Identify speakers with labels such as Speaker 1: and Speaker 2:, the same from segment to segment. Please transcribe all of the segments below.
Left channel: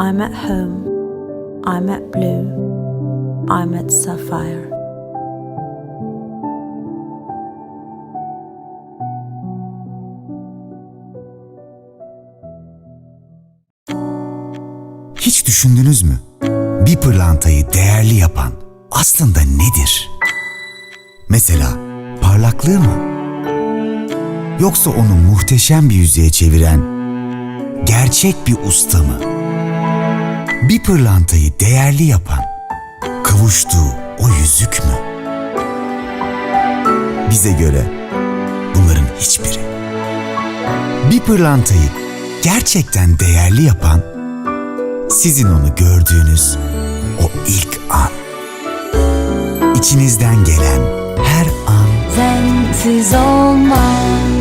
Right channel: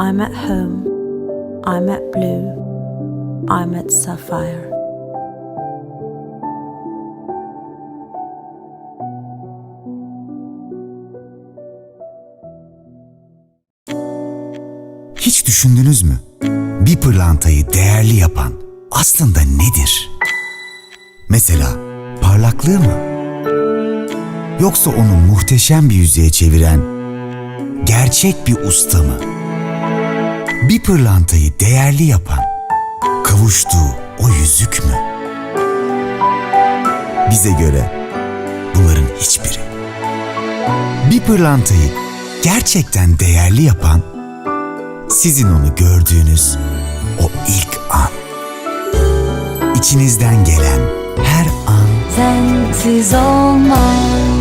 Speaker 1: I'm at home. I'm at blue. I'm at sapphire.
Speaker 2: Hiç düşündünüz mü? Bir pırlantayı değerli yapan aslında nedir? Mesela parlaklığı mı? Yoksa onu muhteşem bir yüzeye çeviren gerçek bir usta mı? Bir pırlantayı değerli yapan kavuştuğu o yüzük mü? Bize göre bunların hiçbiri. Bir pırlantayı gerçekten değerli yapan sizin onu gördüğünüz o ilk an. İçinizden gelen her an
Speaker 3: Sensiz olmaz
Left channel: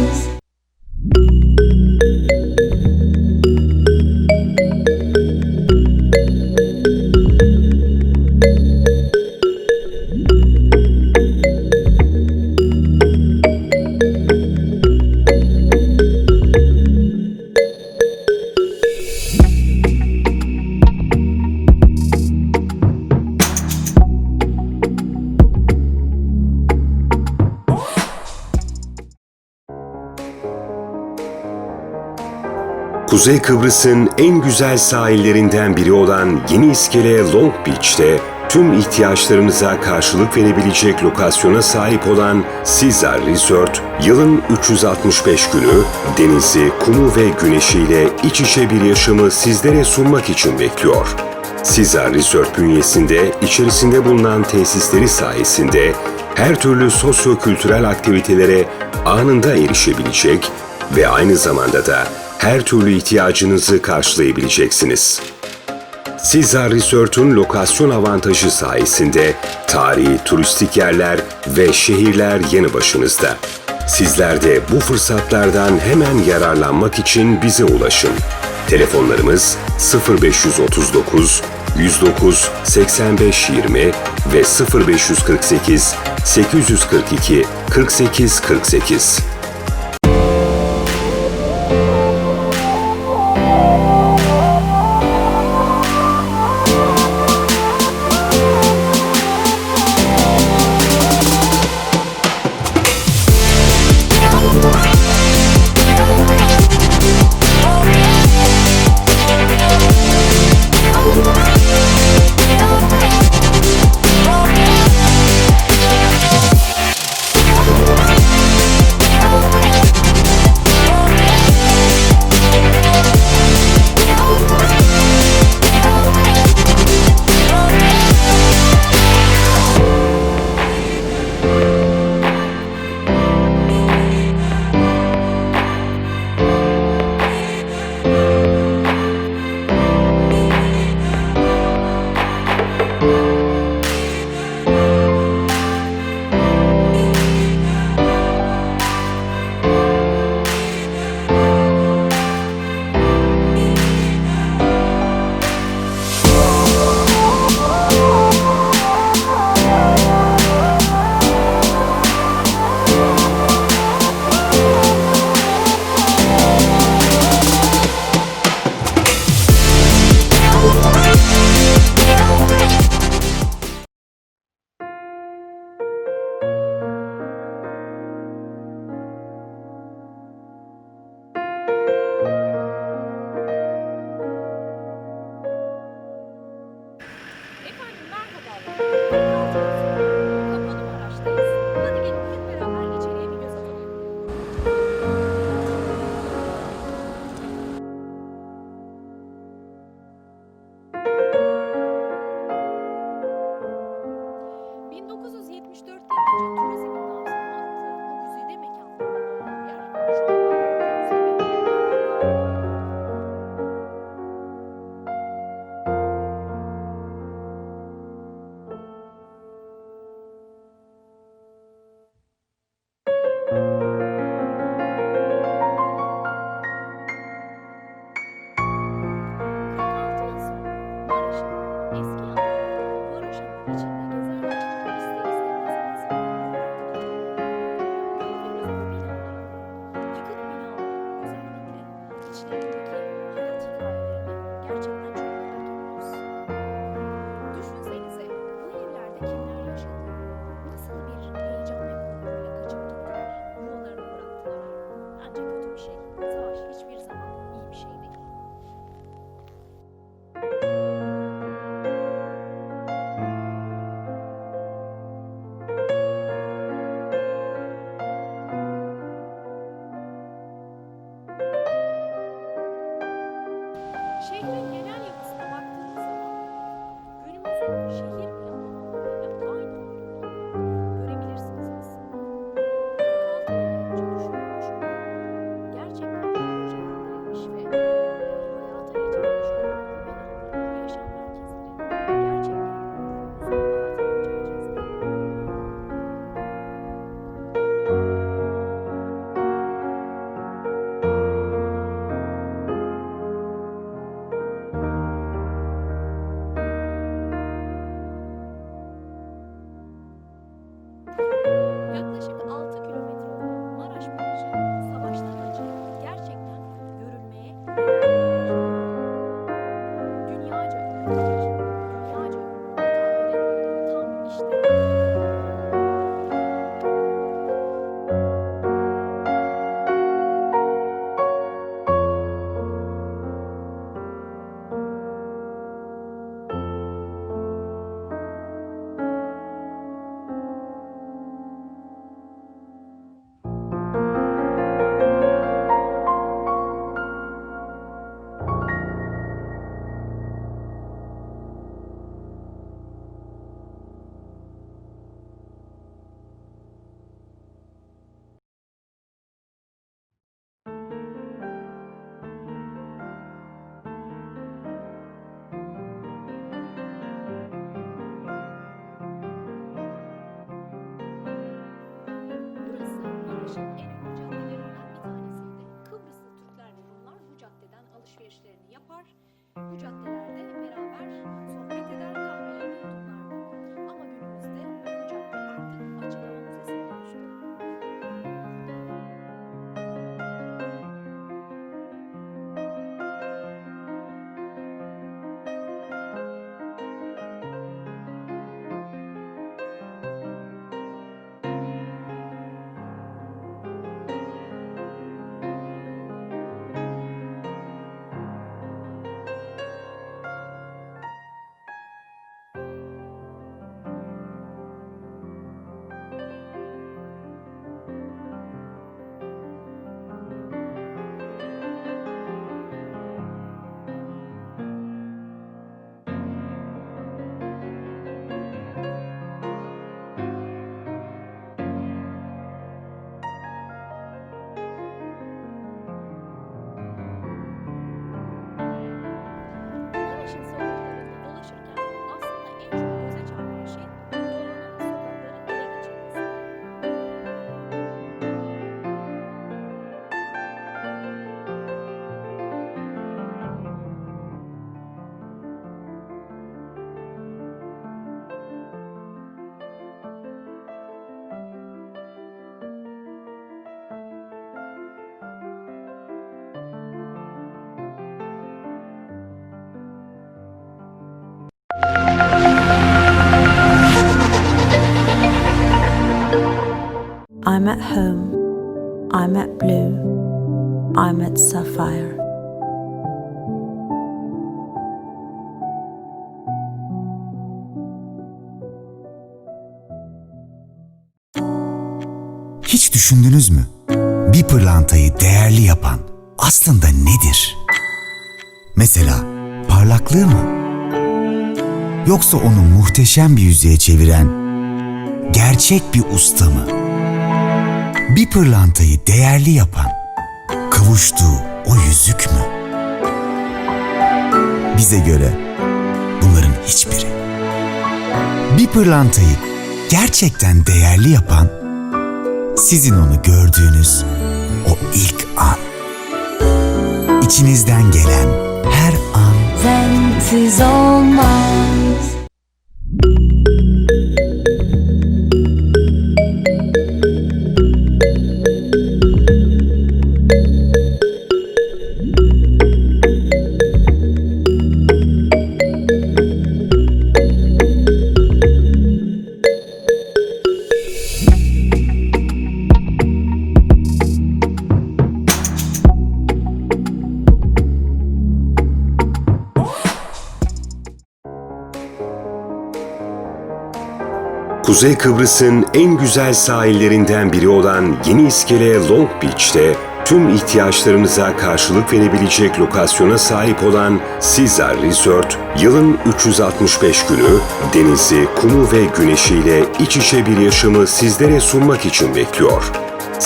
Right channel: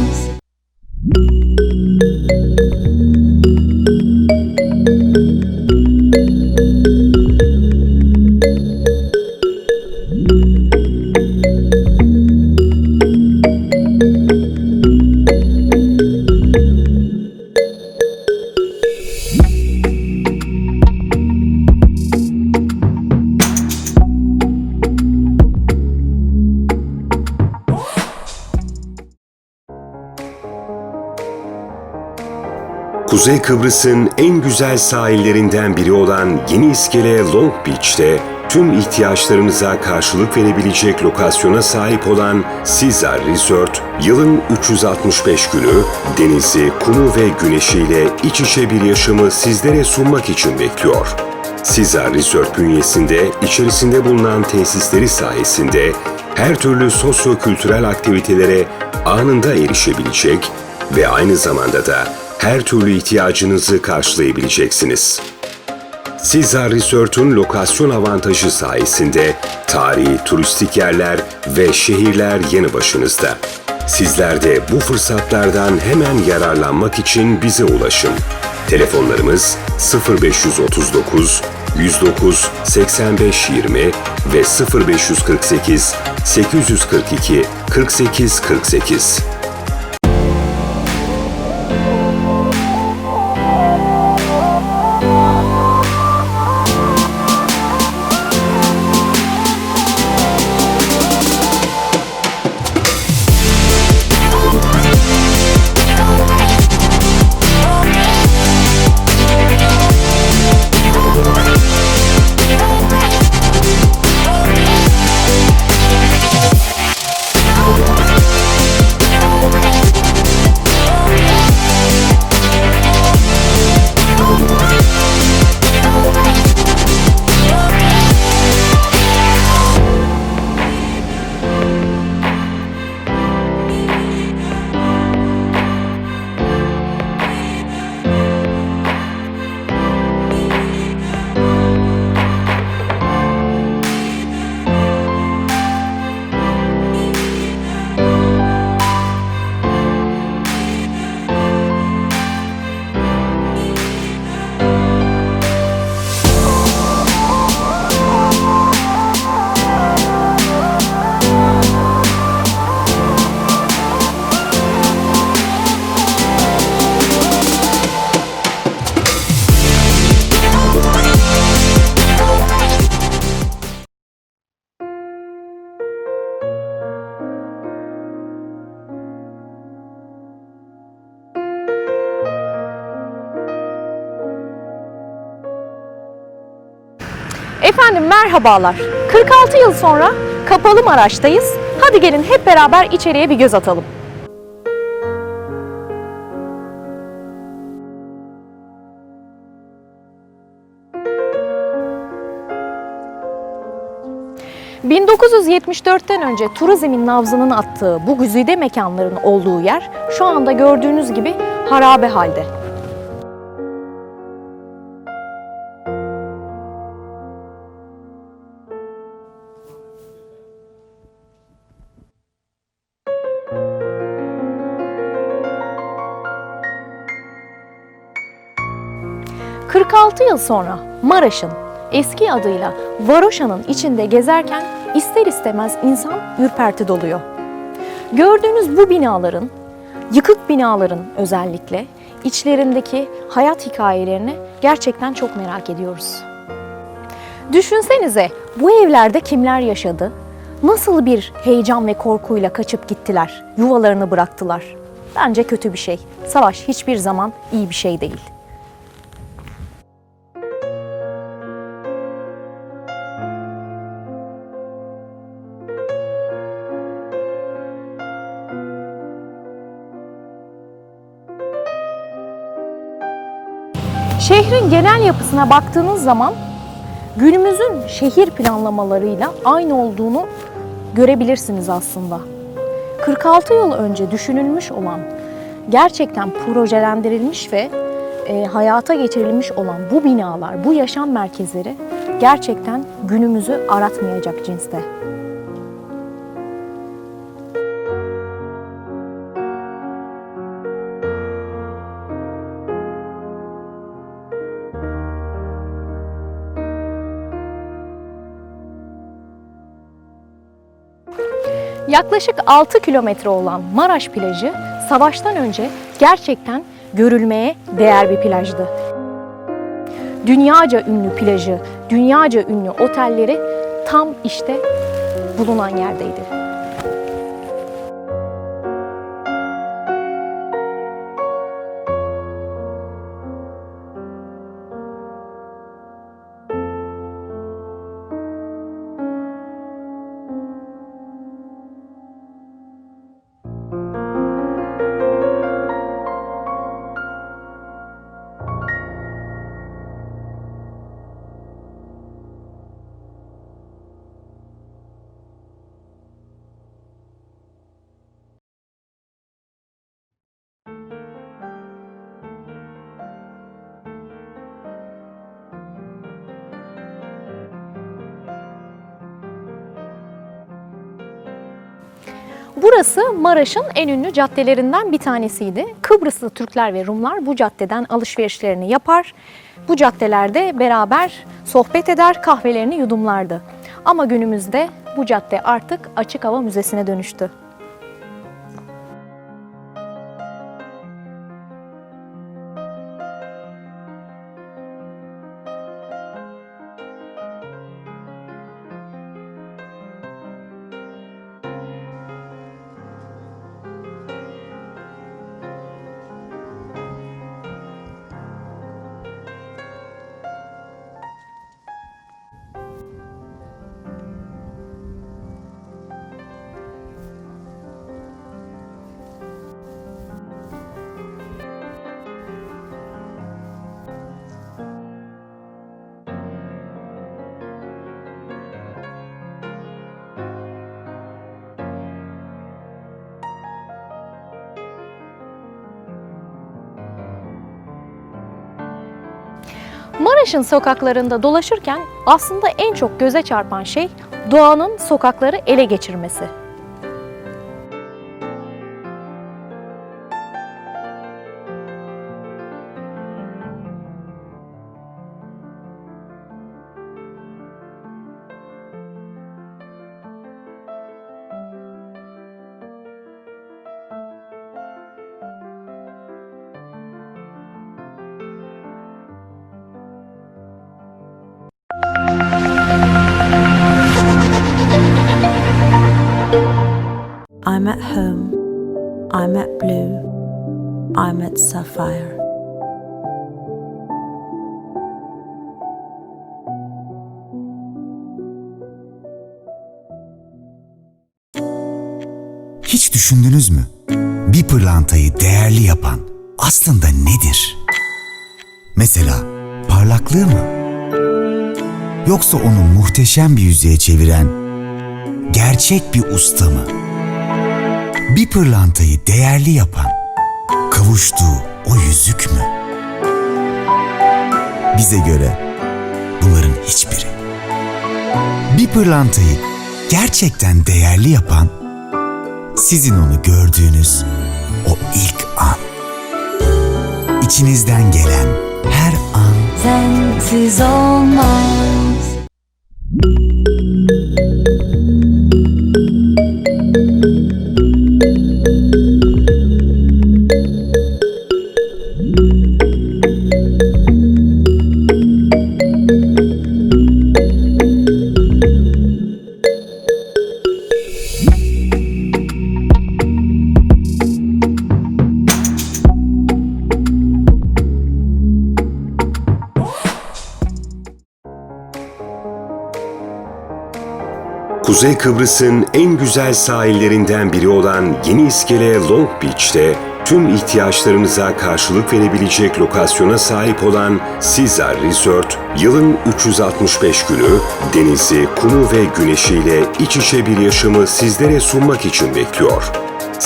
Speaker 4: Kuzey Kıbrıs'ın en güzel sahillerinden biri olan Yeni İskele Long Beach'te tüm ihtiyaçlarınıza karşılık verebilecek lokasyona sahip olan Caesar Resort, yılın 365 günü denizi, kumu ve güneşiyle iç içe bir yaşamı sizlere sunmak için bekliyor. Caesar Resort bünyesinde içerisinde bulunan tesisleri sayesinde her türlü sosyo-kültürel aktivitelere anında erişebilecek ve aynı zamanda da her türlü ihtiyacınızı karşılayabileceksiniz. Caesar Resort'un lokasyon avantajı sayesinde tarihi turistik yerler ve şehirler yanı başınızda. Sizler de bu fırsatlardan hemen yararlanmak için bize ulaşın. Telefonlarımız 0539 109 85 20 ve 0548 842 48 48.
Speaker 5: merhabalar. 46 yıl sonra Kapalı Maraş'tayız. Hadi gelin hep beraber içeriye bir göz atalım. ...1974'ten önce turizmin nabzının attığı bu güzide mekanların olduğu yer... ...şu anda gördüğünüz gibi harabe halde. ...46 yıl sonra Maraş'ın eski adıyla Varoşa'nın içinde gezerken ister istemez insan ürperti doluyor. Gördüğünüz bu binaların, yıkık binaların özellikle içlerindeki hayat hikayelerini gerçekten çok merak ediyoruz. Düşünsenize bu evlerde kimler yaşadı? Nasıl bir heyecan ve korkuyla kaçıp gittiler, yuvalarını bıraktılar? Bence kötü bir şey. Savaş hiçbir zaman iyi bir şey değil. Şehrin genel yapısına baktığınız zaman günümüzün şehir planlamalarıyla aynı olduğunu görebilirsiniz aslında. 46 yıl önce düşünülmüş olan, gerçekten projelendirilmiş ve e, hayata geçirilmiş olan bu binalar, bu yaşam merkezleri gerçekten günümüzü aratmayacak cinste. Yaklaşık 6 kilometre olan Maraş plajı savaştan önce gerçekten görülmeye değer bir plajdı. Dünyaca ünlü plajı, dünyaca ünlü otelleri tam işte bulunan yerdeydi. Burası Maraş'ın en ünlü caddelerinden bir tanesiydi. Kıbrıslı Türkler ve Rumlar bu caddeden alışverişlerini yapar. Bu caddelerde beraber sohbet eder, kahvelerini yudumlardı. Ama günümüzde bu cadde artık açık hava müzesine dönüştü. Maraş'ın sokaklarında dolaşırken aslında en çok göze çarpan şey doğanın sokakları ele geçirmesi.
Speaker 1: I'm at home. I'm at blue. I'm at sapphire.
Speaker 2: Hiç düşündünüz mü? Bir pırlantayı değerli yapan aslında nedir? Mesela parlaklığı mı? Yoksa onu muhteşem bir yüzeye çeviren gerçek bir usta mı? Bir pırlantayı değerli yapan kavuştuğu o yüzük mü? Bize göre bunların hiçbiri. Bir pırlantayı gerçekten değerli yapan sizin onu gördüğünüz o ilk an. İçinizden gelen her an
Speaker 3: Sensiz olmaz
Speaker 4: Kuzey Kıbrıs'ın en güzel sahillerinden biri olan Yeni İskele Long Beach'te tüm ihtiyaçlarınıza karşılık verebilecek lokasyona sahip olan Caesar Resort, yılın 365 günü denizi, kumu ve güneşiyle iç içe bir yaşamı sizlere sunmak için bekliyor.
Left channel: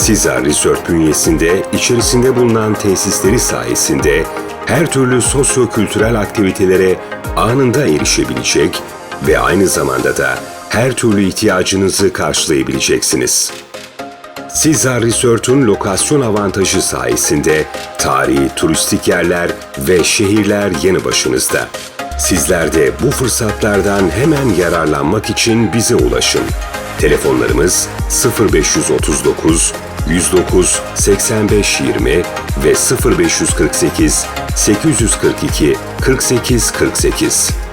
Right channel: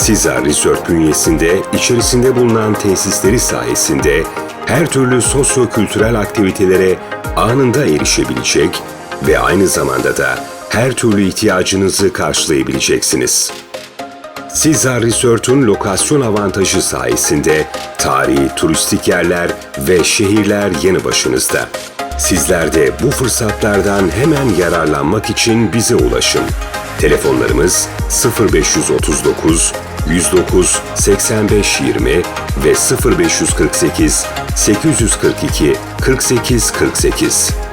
Speaker 4: Caesar Resort bünyesinde içerisinde bulunan tesisleri sayesinde her türlü sosyo-kültürel aktivitelere anında erişebilecek ve aynı zamanda da her türlü ihtiyacınızı karşılayabileceksiniz. Caesar Resort'un lokasyon avantajı sayesinde tarihi turistik yerler ve şehirler yanı başınızda. Sizler de bu fırsatlardan hemen yararlanmak için bize ulaşın. Telefonlarımız 0539 109 85 20 ve 0548 842 48 48.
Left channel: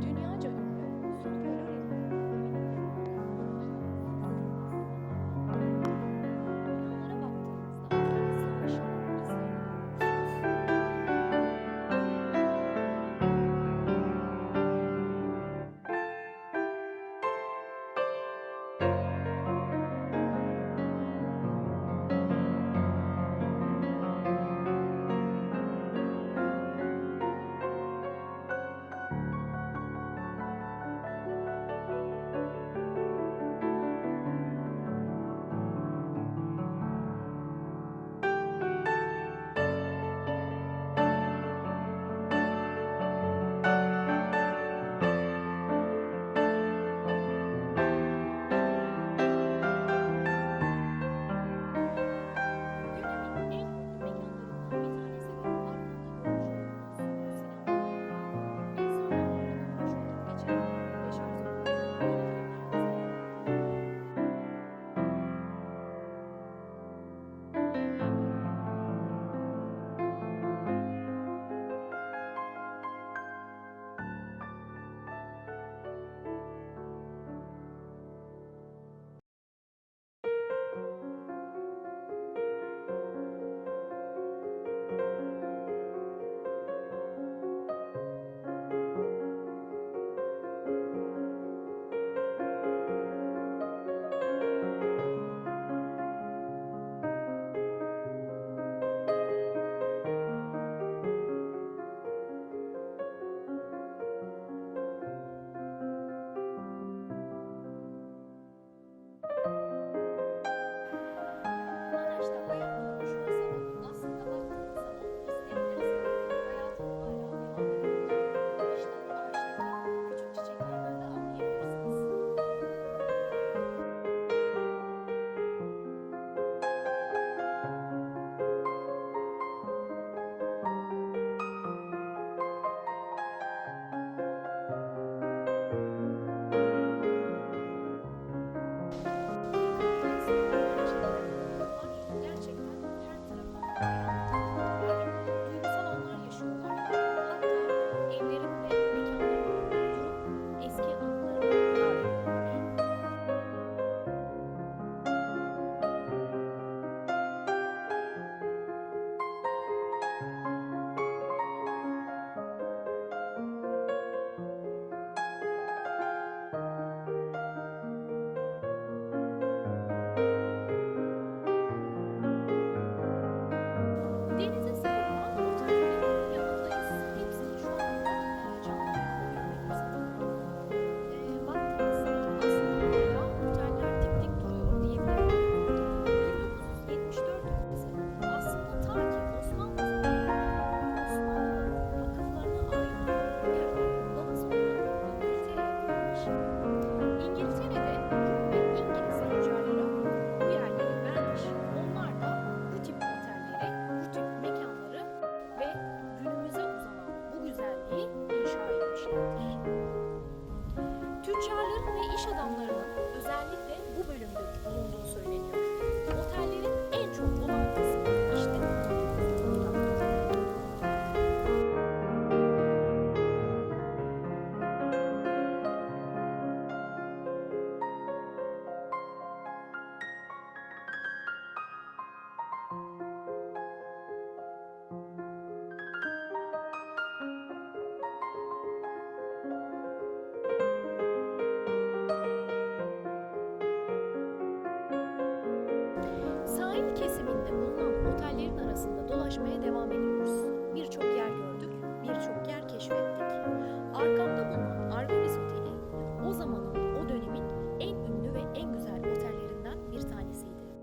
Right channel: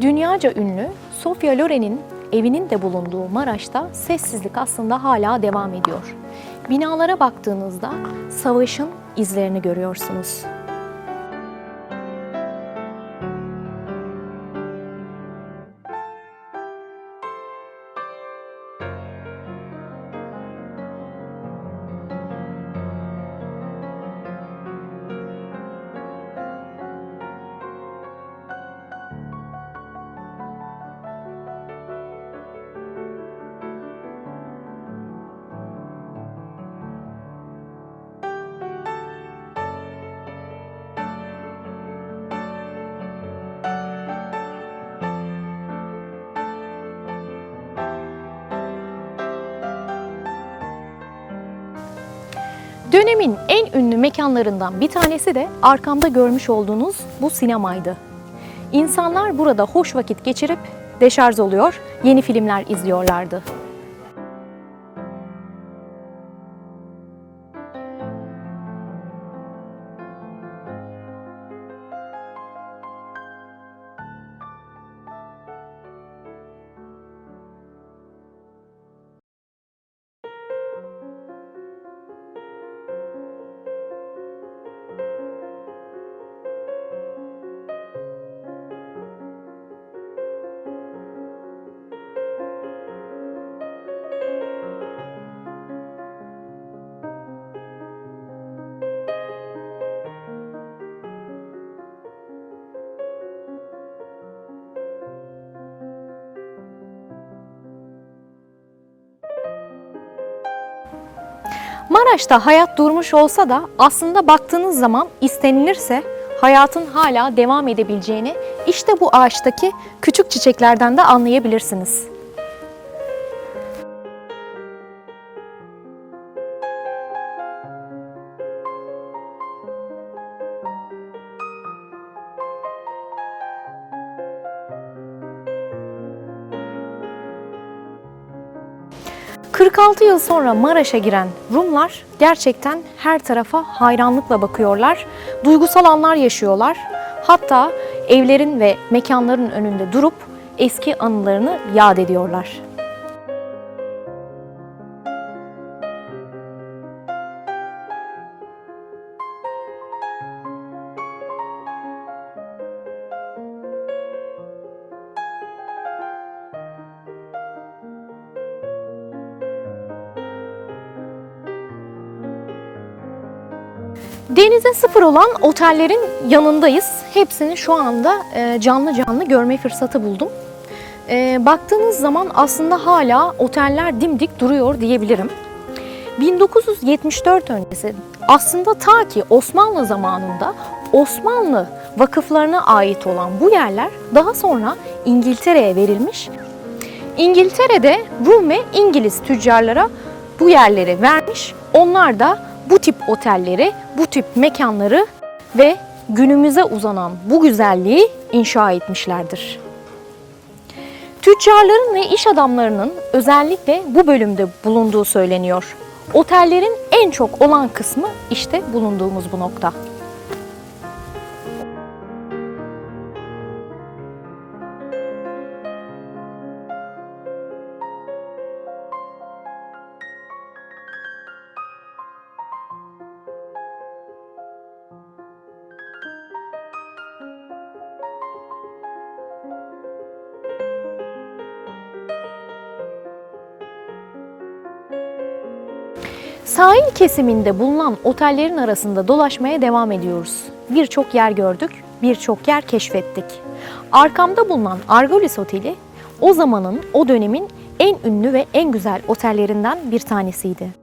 Speaker 5: Dünyaca ünlü Sofia Loren'in evinin de bulunduğu Maraş'ta sessizlik aslında hala devam ediyor. Binalara baktığınızda savaşın izlerini görüyorsunuz. Dönemin en ünlü mekanlarından bir tanesi de arkamda görmüş olduğunuz bu sinemaydı. İnsanlar burada hoş vakit geçirip deşarj oluyor, yeni filmler izliyorlardı. Maraş'ta hayat durmuş olsa da aslında baktığınız zaman istenilirse hayatın hala devam edebileceğini işte bu ağaçtaki küçük çiçeklerden de anlayabilirsiniz. 46 yıl sonra Maraş'a giren Rumlar gerçekten her tarafa hayranlıkla bakıyorlar. Duygusal anlar yaşıyorlar. Hatta evlerin ve mekanların önünde durup eski anılarını yad ediyorlar. Denize sıfır olan otellerin yanındayız. Hepsini şu anda e, canlı canlı görme fırsatı buldum. E, Baktığınız zaman aslında hala oteller dimdik duruyor diyebilirim. 1974 öncesi aslında ta ki Osmanlı zamanında Osmanlı vakıflarına ait olan bu yerler daha sonra İngiltere'ye verilmiş. İngiltere'de Rum ve İngiliz tüccarlara bu yerleri vermiş. Onlar da bu tip otelleri, bu tip mekanları ve günümüze uzanan bu güzelliği inşa etmişlerdir. Tüccarların ve iş adamlarının özellikle bu bölümde bulunduğu söyleniyor. Otellerin en çok olan kısmı işte bulunduğumuz bu nokta. Sahil kesiminde bulunan otellerin arasında dolaşmaya devam ediyoruz. Birçok yer gördük, birçok yer keşfettik. Arkamda bulunan Argolis Oteli o zamanın, o dönemin en ünlü ve en güzel otellerinden bir tanesiydi.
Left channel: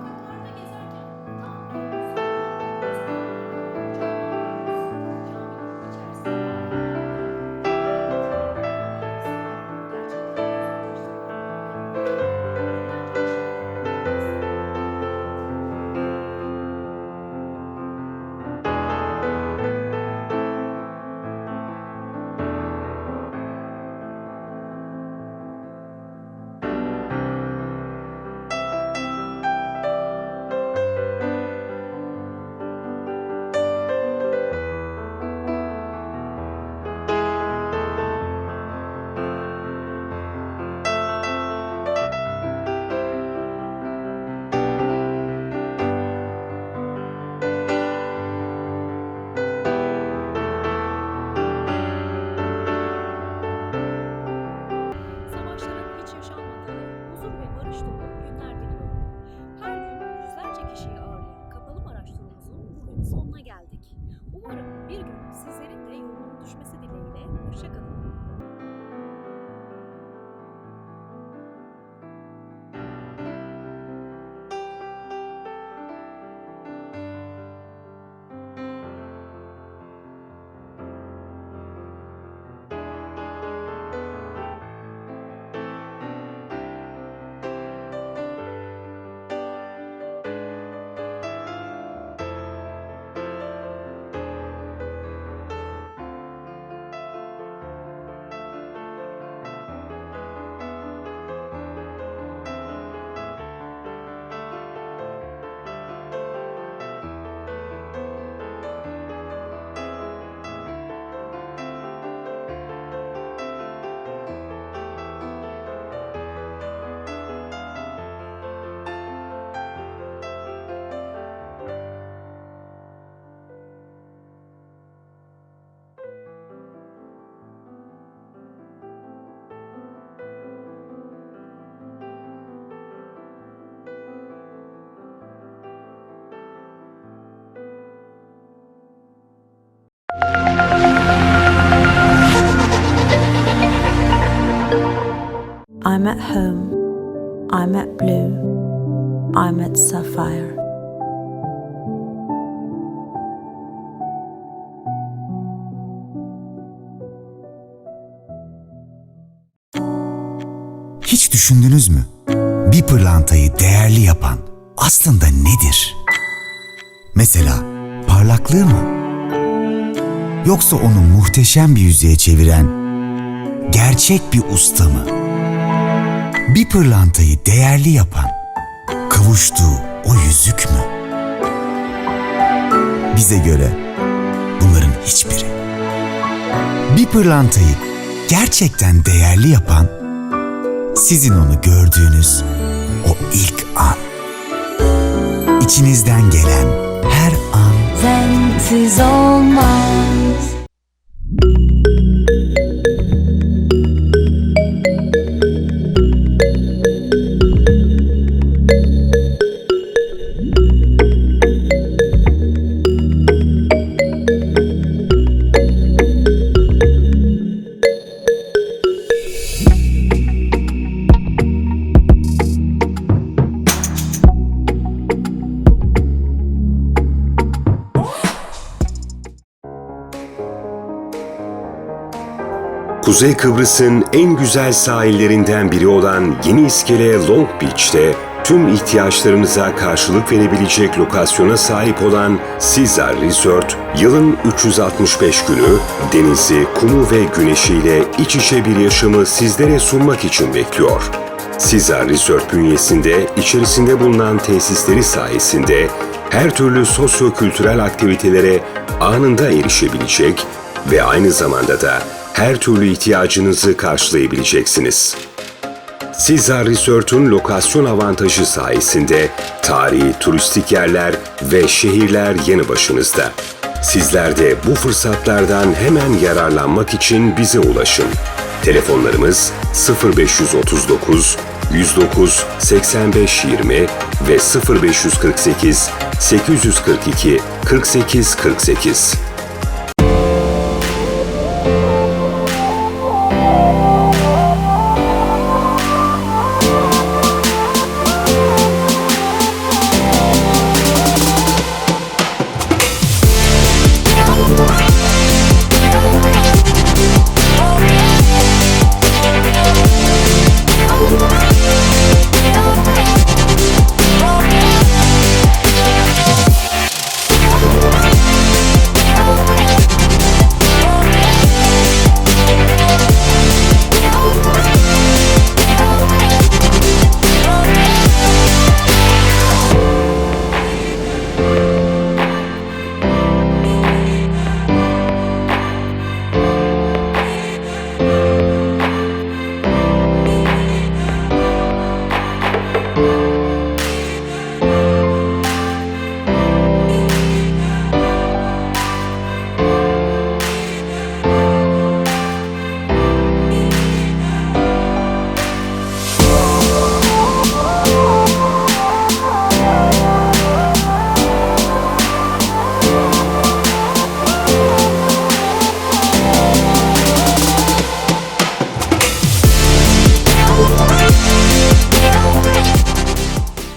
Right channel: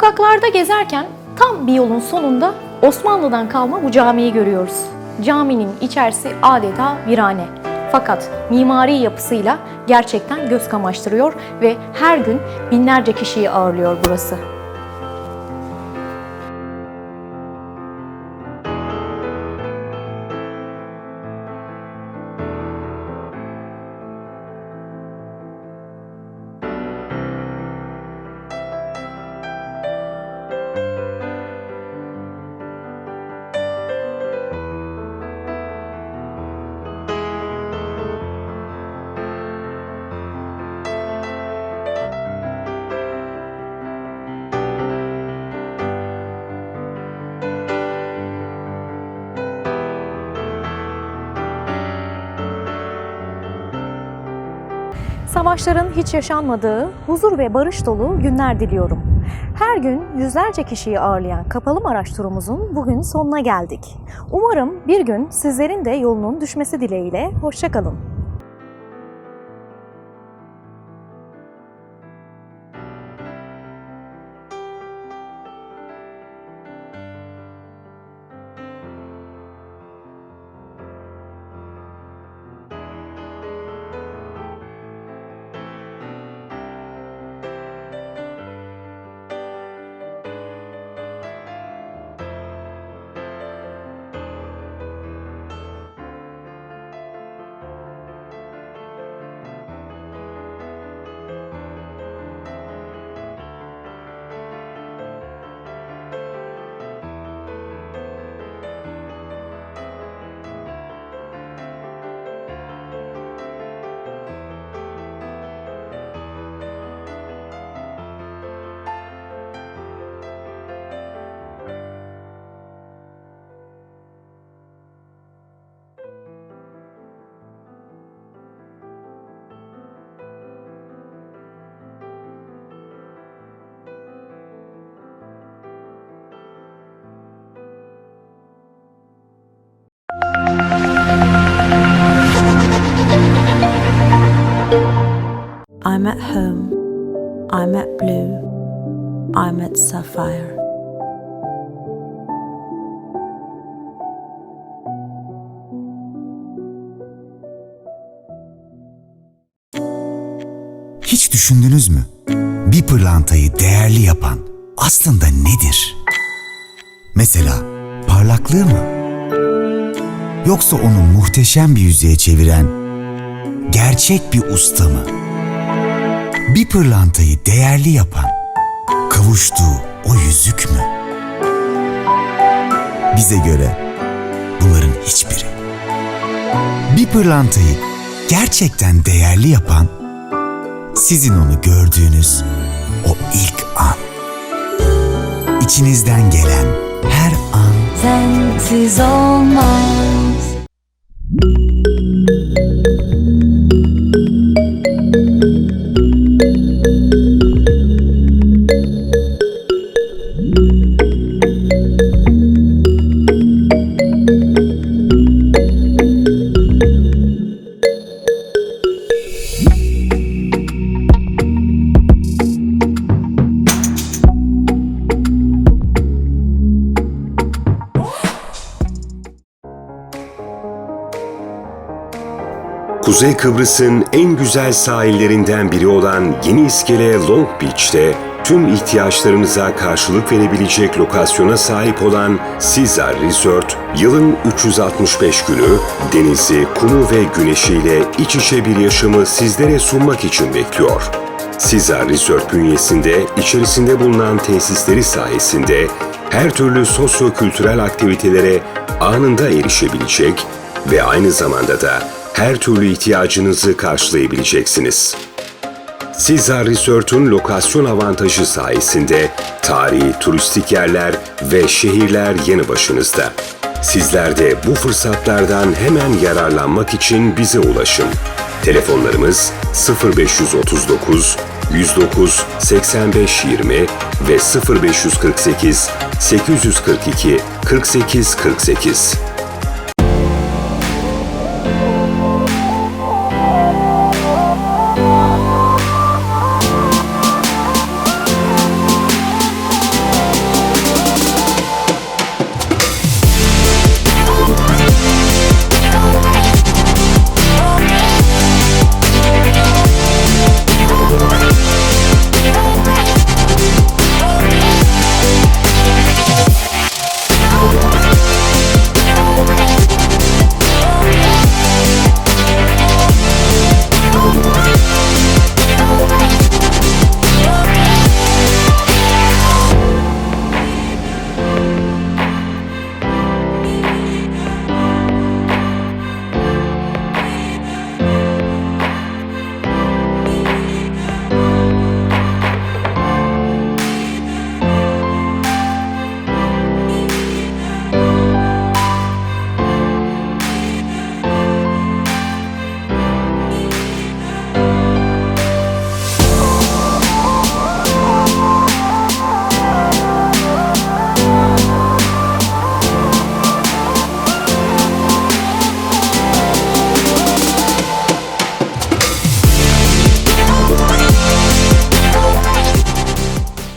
Speaker 5: Sokaklarda gezerken tam bir yolun sonunda Osmanlı'dan kalma bu camiyi görüyoruz. Caminin içerisi adeta virane. Fakat mimari yapısıyla gerçekten göz kamaştırıyor ve her gün binlerce kişiyi ağırlıyor burası. Savaşların hiç yaşanmadığı, huzur ve barış dolu günler diliyorum. Her gün yüzlerce kişiyi ağırlayan kapalı Maraş turumuzun bugün sonuna geldik. Umarım bir gün sizlerin de yolunun düşmesi dileğiyle. Hoşçakalın.
Speaker 1: I'm at home. I'm at Blue. I'm at Sapphire.
Speaker 2: Hiç düşündünüz mü? Bir pırlantayı değerli yapan aslında nedir? Mesela parlaklığı mı? Yoksa onu muhteşem bir yüzeye çeviren gerçek bir usta mı? Bir pırlantayı değerli yapan kavuştuğu o yüzük mü? Bize göre bunların hiçbiri. Bir pırlantayı gerçekten değerli yapan sizin onu gördüğünüz o ilk an. İçinizden gelen her an
Speaker 3: Sensiz olmaz
Speaker 4: Kuzey Kıbrıs'ın en güzel sahillerinden biri olan Yeni İskele Long Beach'te tüm ihtiyaçlarınıza karşılık verebilecek lokasyona sahip olan Caesar Resort, yılın 365 günü denizi, kumu ve güneşiyle iç içe bir yaşamı sizlere sunmak için bekliyor. Caesar Resort bünyesinde içerisinde bulunan tesisleri sayesinde her türlü sosyo-kültürel aktivitelere anında erişebilecek ve aynı zamanda da her türlü ihtiyacınızı karşılayabileceksiniz. Caesar Resort'un lokasyon avantajı sayesinde tarihi turistik yerler ve şehirler yanı başınızda. Sizler de bu fırsatlardan hemen yararlanmak için bize ulaşın. Telefonlarımız 0539 109 85 20 ve 0548 842 48 48.